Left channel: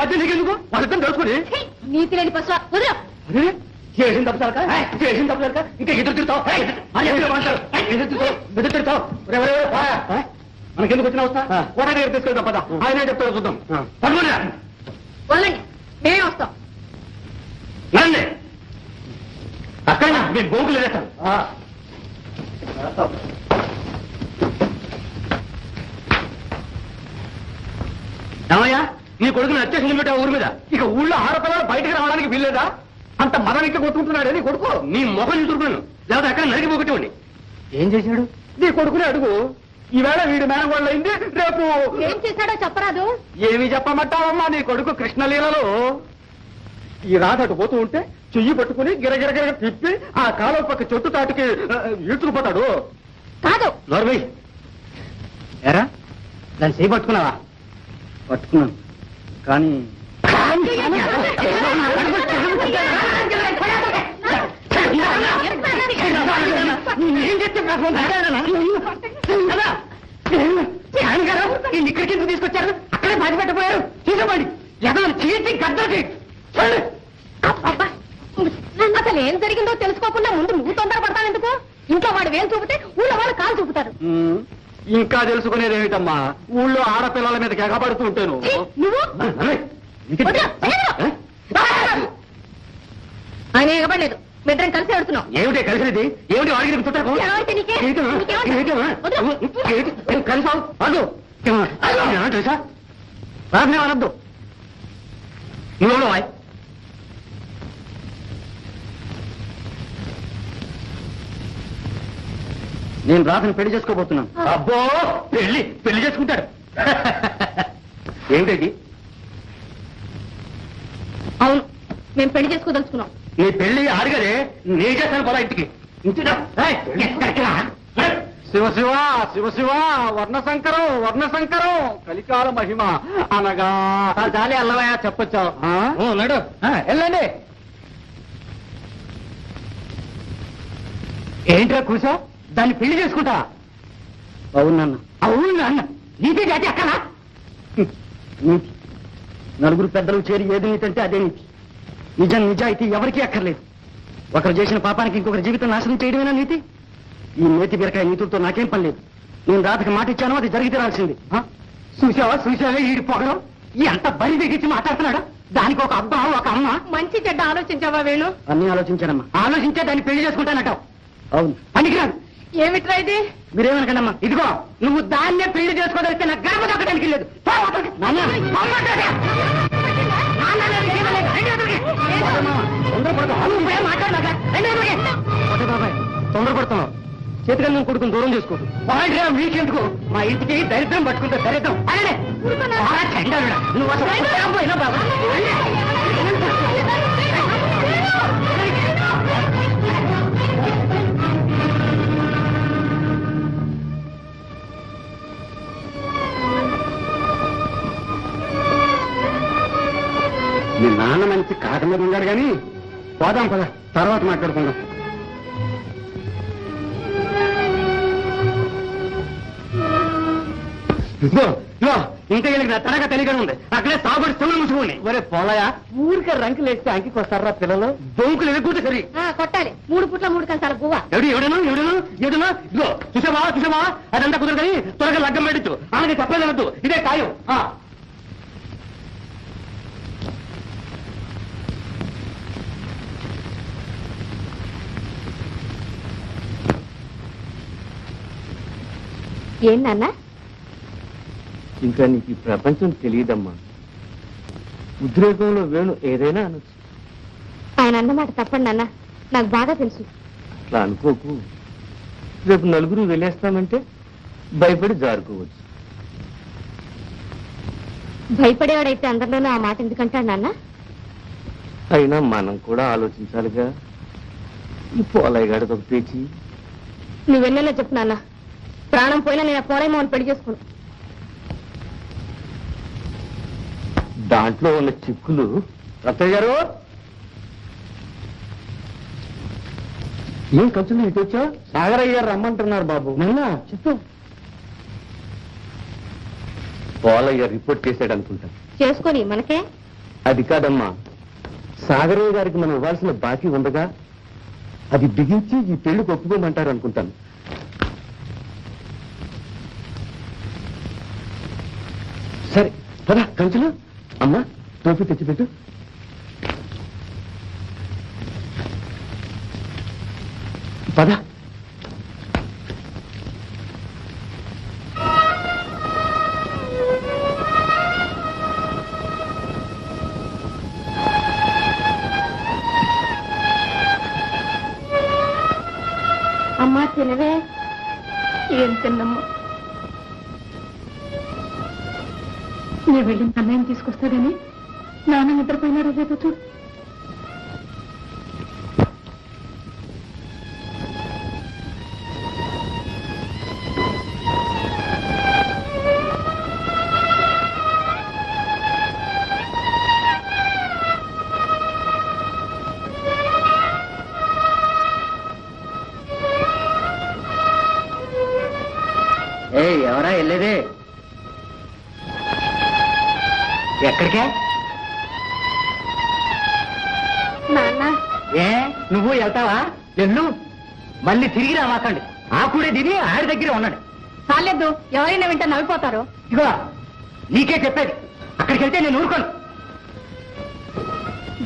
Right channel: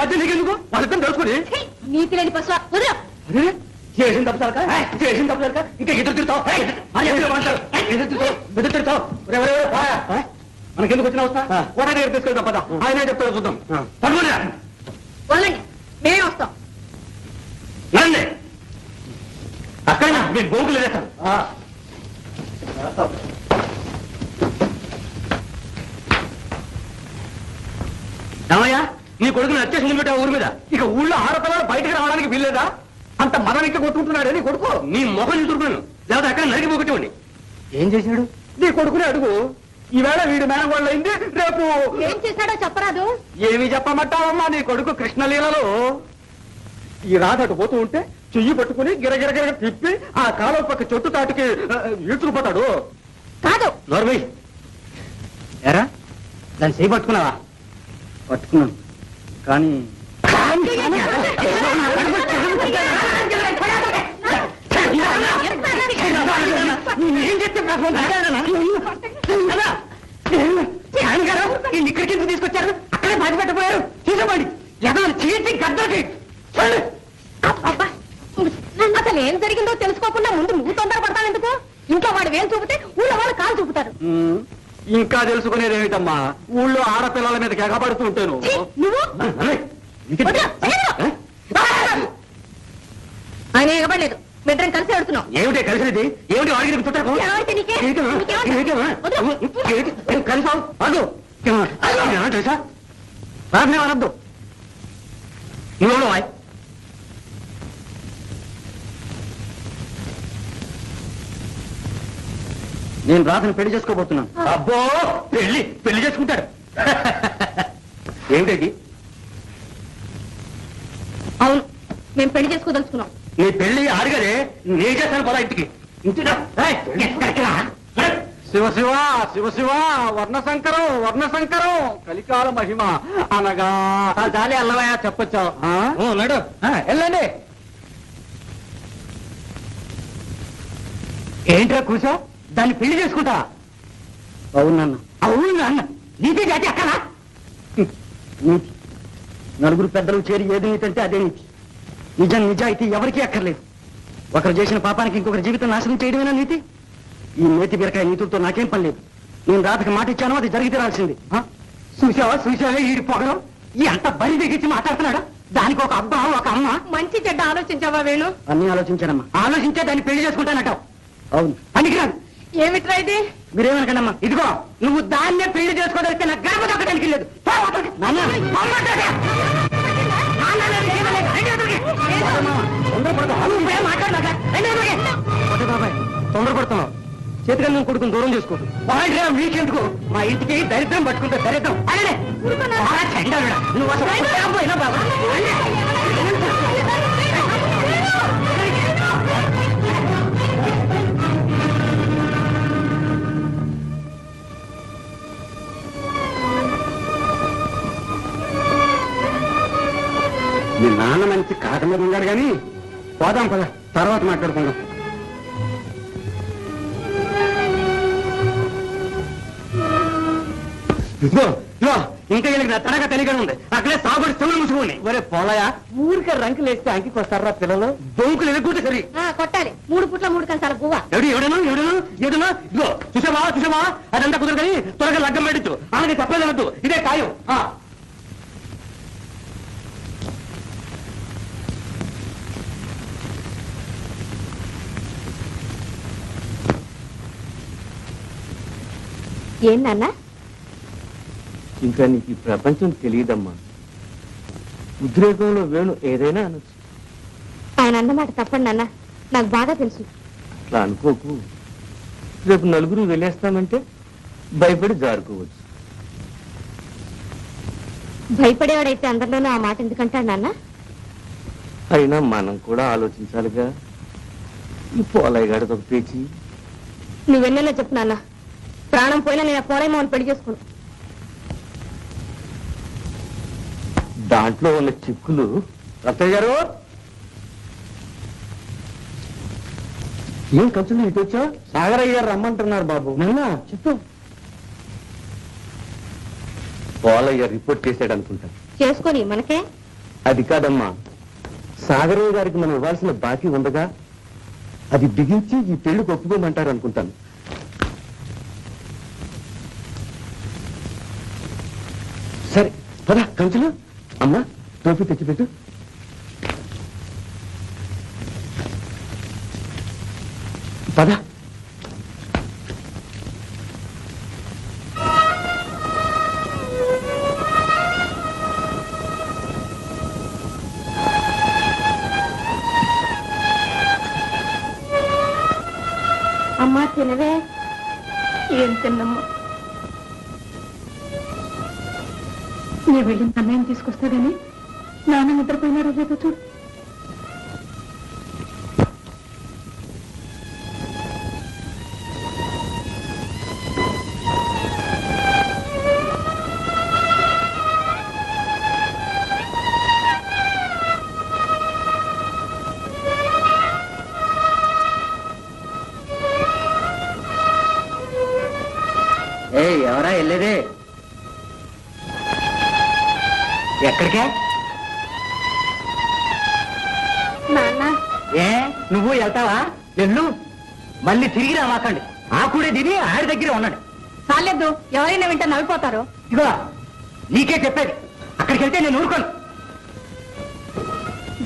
మధ్య నీకెందుకు వాళ్ళిద్దరు తెలుసుకుని నీతి లేని పశువు చేసిన తప్పు సరక చేసిన తప్పు సరక ఇంకా ఎదురు తిరుగుతావు ఎదురు తిరుగుతావు మనకెందుకు వచ్చిన వస్తా కోట దగ్గర తీసుకెళ్తాం పద ఆయనే చెప్తాడు చూద్దాం వాళ్ళండి మేమే వస్తాం రండి అక్కడ మేము బొంకులు వేస్తాం ఏమయ్యా నీ కొడుకుని అత్యవసరం పెట్టా ఊరి మీద ఇక ఊళ్ళో ఆడపిల్లలు బయటకు రావడానికి వీల్లేదా అంత మదనికి కొట్టుకుంటున్నాడు నీ కొడుకు నీ మొహం చూసుకున్నాను లేకపోతే అక్కడ నరికి పోగొట్టండి ఏం చేశాడు నీ కొడుకునే అడుగు ఈవేళ వీడి మేనగోళ్ళు అయింది రేపు ఏం చేశాడో చెప్పరాదు ఏమి చెప్పమంటావమ్మా నీ కొడుకు కృష్ణలీలలో ఈ రాత అటు పోతూ ఉంటే చెయ్యి పట్టుకుని గిరగిరగిర తిప్పి ఆ కాలువ పక్క చెట్టు తాటికి ఈడ్చుకుపోతాడు కాదు నోర్మై ఎరా దాన్ని చెయ్యి పట్టుకున్నావా పట్టుకున్నాను కానీ ఇక్కడికి ఎందుకు తీసుకొచ్చారు అక్కడే బాధ పెట్టబోయారు తీసుకోండి ఏదో చీటి గద్దకి అసలు ఏం జరిగిందో తెలుసుకోకుండా ముందు నువ్వు తొందరపడతాను ఎందుకు ఇంట్లో వాడు వేలు చూపితే ఊళ్ళో వాళ్ళు కాలు చూపుతారు ఇంకా తెలుసుకునేది ఏమిటమ్మా ఊళ్ళో ఆడపిల్లల మీద ఎగబడుతూ ఉంటాను ఆయన ఎగబడలేదు మిద్దరం కలిసి ఆడుతున్నాం ఏమిటి కలిసినది ఏమిటి వాడికి కలిసావు అదు తెలుసా రాజనే అనద్దు నువ్వు నేను రాధను పెళ్లి చేసుకోబోతున్నాను అబ్బో పెళ్లి చేసుకుంటాడు ఏమిటి అవును మేము పెళ్లి చేసుకోదలుచుకున్నాం నీ పెళ్లి ఆడగదే నీ చేస్తాను పదా ఇంటికి శివ శివ శివ శివ వర్ణశంకరం కలికాల మహిమ అనగా చాలే అల్లవయ్యా చెప్పొచ్చావు నడు వెళ్ళండి ఏంట్రా కూర్చో దాన్ని పెళ్లి చేసుకుంటా అవునన్న నీతి జాతి అక్కడా నీతి నలుగురు పెద్దలు చేరి ఏది నీతి అంటే అదే నీతి నిజం నిజాయితీ ఎవరికీ అక్కర్లేదు ఒకరు చేసిన పాపానికి ఇంకొకరి జీవితం నాశనం చేయడమేనా నీతి ఈ నేతి బీరకాయ నీతులతో నాకేం పని లేదు నేను రాతకి మాట ఇచ్చాను అది జరిగి తీరాల్సింది చూసావా ఈ పొగడం ఈ అంత బరి దిగించి మాట్లాడుతున్నాడు దానికి ఒక అబ్బా ఒక అమ్మ మంచి చెడ్డ ఆలోచించావా వేణు అన్ని ఆలోచించానమ్మా ఆలోచించే దాన్ని పెళ్లి చేసుకుంటానటావు అవును పనికిరాదు ఏమిట్రా ఇది మీరేమనకండమ్మా ఇదిగో నువ్వు దాన్నే పెళ్లి చేసుకోదలిస్తే నాకు గర్భ దక్కడానికి లేదు తొందరపడుతున్నావు చేతిగా నువ్వు కొడుకుని దూరం చేసుకో మీకెందుకు మా ఇంటికి దరిద్రం పట్టుకుంటే దరిద్రం నువ్వు అసలు బాబా మీ నాన్న మంచి కాక మీద ఉన్నాడు కానీ పోదాం పద తర్వాత మాట్లాడుకుందాం ఇంకా వీళ్ళకి నా తనగా తెలియగా ఉంది అక్కడే సాగుడి చెవులు ముసుకుని ఒరే పోలయా ఊరికే రంకులు వేస్తే అంకికి వస్తారా పిల్లలు దొంకులు ఎదుగుంటే సరి కొట్టాలి 3 పుట్ల 3 కంచాల పువ్వ ఎవడను ఇదిగో చూసావా అదంతా కుదరదు కానీ త్వరగా లగ్గం పెట్టచ్చు అలాగే చెప్పలేదనద్దు ఇదే ఖాయం ఏం నాన్న ఇంకా నీకు ఈ ప్రపంచం తెలియదమ్మా ఉద్రేకంలో వేణు ఏదైనా అనొచ్చు ఆయన అన్నమాట తప్పండి నాన్న నాకు బాగా తెలుసు అట్లా అనుకోకు రేపు నలుగురు వెళ్ళేస్తామంటే భయపడి జారుకోవచ్చు భయపడేవాడైతే అందరిలోనూ ఆ మాట ఎందుకంటాడు నాన్న అయినా మనం కూడా ఆలోచించాలిగా ఈ పోలయ్య గాడితో ఒక పేచి నువ్వెన్నెలా చెప్పు నాన్న ప్రాణం పోయినా నేను పోలేమోని పెళ్లి చేసుకోను దాంట్లో ఉన్న చిక్కులు రత్తయ్య గారు ఏం ఖర్చులు ఇటు వచ్చా? సాగరయ్య గారు రమ్మంటున్నారు బాబు. నిన్న చెప్పు. పోలయ్య రిపోర్ట్ చేశాడు అనుకుంటా. చేసుకొని మనకే. అది కాదమ్మా, సాగరయ్య గారికి మనం ఇవ్వాల్సిన బాకీ ఉండగా అది బిగించి ఈ పెళ్లికి ఒప్పుకోమంటారు అనుకుంటాను. సరే పద కంచులు. అమ్మా టోపీ తెచ్చిపెట్టు. పద. అమ్మా తినవే. ఏం తిన్నమ్మా? నీ వెళ్ళిన అన్నయ్యం తీసుకొస్తాడని నాన్న నిద్రపోయినారో లేదో చూడు. ఎవరా వెళ్ళేదే? ఎక్కడికే? నాన్న ఏ నువ్వు వెళ్తావా? వెళ్ళు, మళ్ళీ తిరిగి రామాకండి. ఆకుడే తిని ఆడి దగ్గరే ఉన్నాడు. చాలేదు, ఎవరైనా వింటే నవ్విపోతారు. ఇగో నీకే చెప్పేది, అక్కడికి వెళ్తే నేను ఊరుకోను.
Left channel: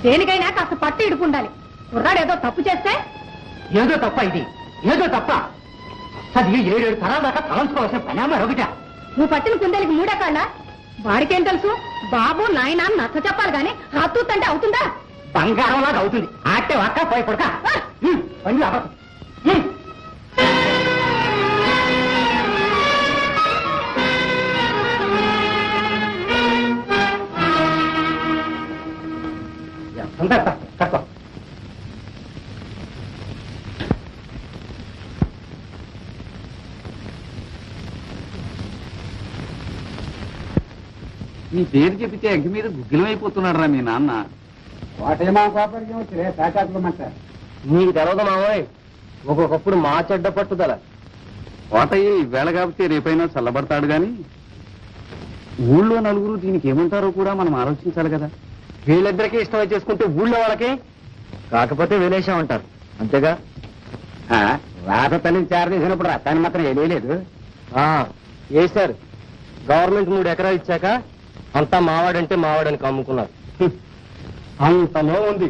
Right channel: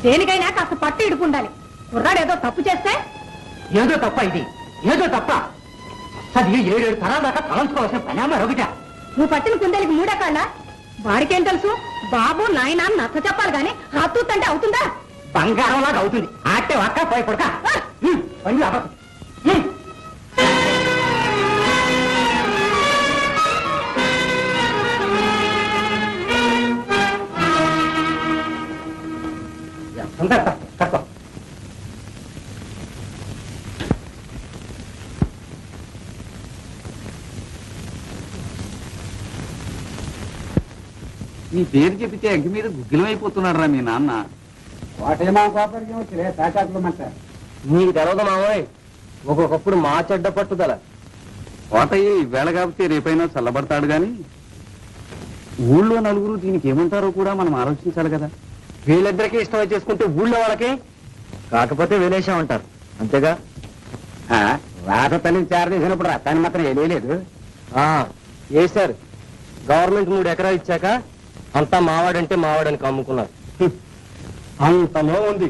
దేనికైనా కాస్త పట్టు ఇడుకుండాలి. కుర్రాడు ఏదో తప్పు చేస్తే. ఏదో తప్ప ఇది, ఏదో తప్ప. అది 7 తరాల దాకా తలంచుకోవాల్సిన పని ఒకట. నువ్వు పట్టిన కుందేలికి మూడేకాళ్ళ. వాడికేం తెలుసు? బాబు నాయన నచ్చ చెప్పాలి గాని హత్తుతంటే అవుతుందా? బంగారం లాగా అవుతుంది. ఆటే అక్క పోయి పడక పని అవ్వదు. తక్కువ నీ పేరు చెబితే అగ్గి మీద గుగ్గిలం అయిపోతున్నాడు రా మీ నాన్న. నీకు తెలవదు మావోయ్, ఒక్కొక్కప్పుడు మా చెడ్డ పట్టుదల. కోటయ్య ఈవేళ కాబట్టి రేపైనా చల్లబడతాడు గాని ఊళ్ళో నలుగురు దీనికి ఏమంటారో కూడా మనం ఆలోచించాలి కదా. వీళ్ళిద్దరికీ ఇష్టం చేసుకుంటే ఊళ్ళో వాళ్ళకి కాకపోతే వేలేశామంటారు అంతేగా. రాత తల్లిని చేరదీసినప్పుడు రక్తాన్ని మాత్రం వేయలేదు. వేశారు. గవర్నమెంట్ 3 ఎకరాలు ఇచ్చాక అంతా మావాడంటే మావాడని కమ్ముకున్నారు. అంతలో ఉంది.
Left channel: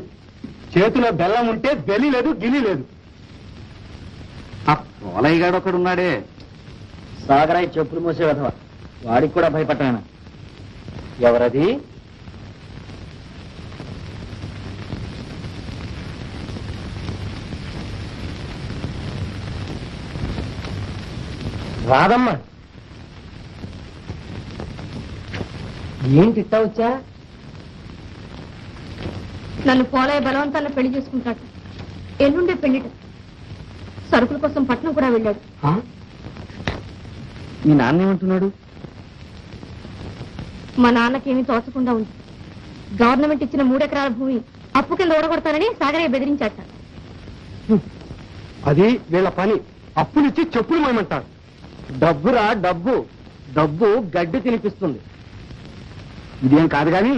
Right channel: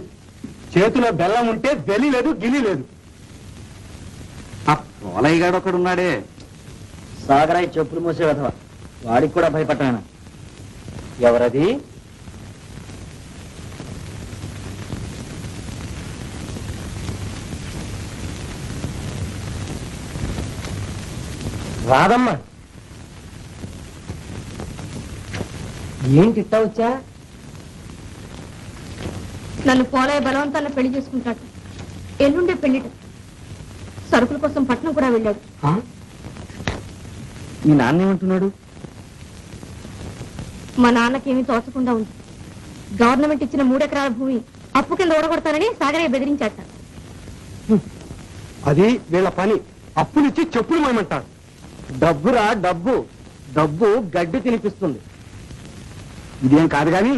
చేతిలో బెల్లం ఉంటే వెలి లేదు, గిలి లేదు. ఆ పోలయ్య గాడు ఒకడున్నాడే, సాగరాయి చెప్పులు మోసే విధవ, వాడికి కూడా భయపడ్డాను. ఎవరది? రాదమ్మా. ఏంటి ఇట్టా వచ్చా? నన్ను పోలయ్య బలవంతాన్ని పెళ్లి చేసుకుంటాడు. ఎల్లుండే పెళ్లిట. సరుకుల కోసం పట్నం కూడా వెళ్ళాడు. మీ నాన్న ఏమంటున్నాడు? మా నాన్నకేమీ తోచకుండా ఉంది. గవర్నమెంట్ ఇచ్చిన 3 ఎకరాల భూమి అప్పు కింద ఓడగొడతానని సాగరయ్య బెదిరించాట. అది వీళ్ళ పని. అప్పులిచ్చి చెప్పులు మేమంటారు. డబ్బురా డబ్బు. డబ్బు గడ్డి తినిపిస్తుంది. ఇదేం కాదు గాని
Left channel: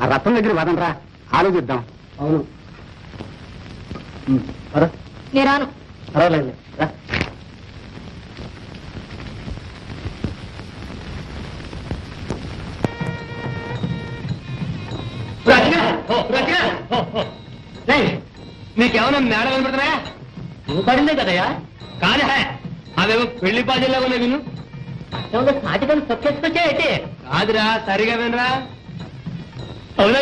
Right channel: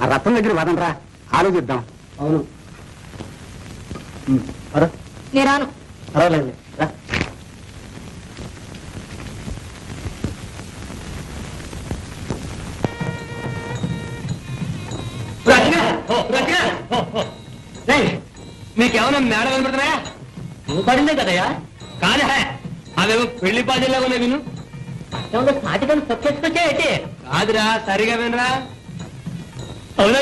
ఆ రత్నం దగ్గర వదనరా, ఆలోచిద్దాం. అవును. నేను రాను. పర్వాలేదు. నీకేమన్నా మేడ కనబడుతున్నాయా? నువ్వు పడిందే కదయ్యా. కాదా అవేమో పెళ్లి పాటల్లో ఉన్నాయి విను. సాటికలు తొక్కేసుకొచ్చాయంటే కాదురా, సరిగా వినరా. అవునా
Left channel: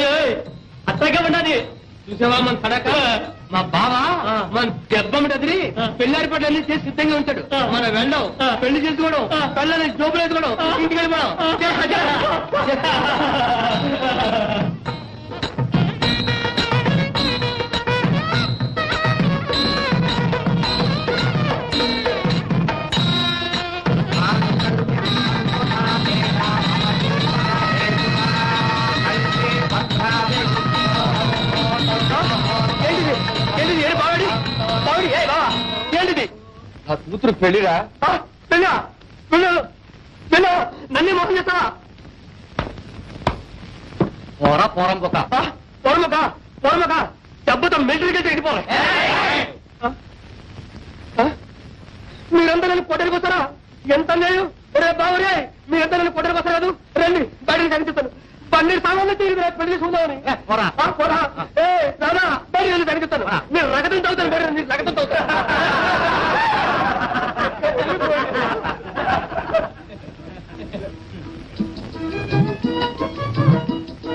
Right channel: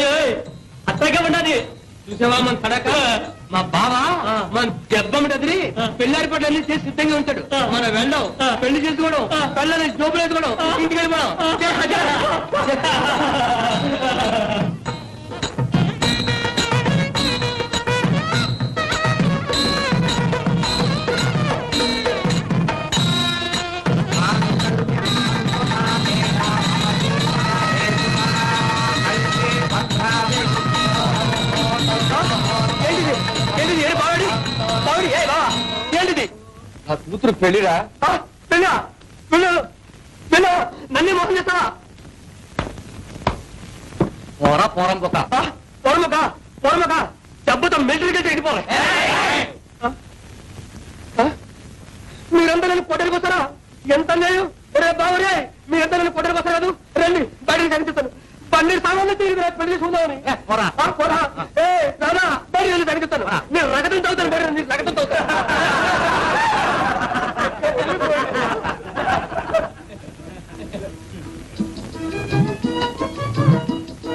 అత్తగా ఉండదు. చూసావా మన తడక? మా బావా మన దెబ్బమ్మటది పెళ్లారి పట్ల అన్ని చేసి సిద్ధంగా ఉంటాడు. మన వెళ్ళం పెళ్లి చేసుకోవడం, పెళ్ళని జోబులు వేసుకోవడం, ఇంటికి వెళ్ళిపోవడం. ఏంటిది? ఏంటిది? ఏ బావాడి బావాడి? ఏ బావా నా కూతురు పెళ్లిరా పెళ్ళా పెళ్ళు పెళ్ళు నన్నే మోసం చేస్తావా పోరా పోరం పొక్క పొరమక దెబ్బతో మిలిటరీకి వెళ్ళిపోవాలి మీరంతా నన్ను పొట్టడికి వస్తారా ఎంత అన్యాయం రే బాబురే మీరంతా నన్ను పొట్టడికి వస్తారు కాదు రండి బయటకు కనిపిస్తాను పన్నీరు సామాన్లు తీరు పెళ్లి చూద్దామని బయట కనిపిస్తాను మీరు రగతం తాగుతాను రగతం తాగుతాను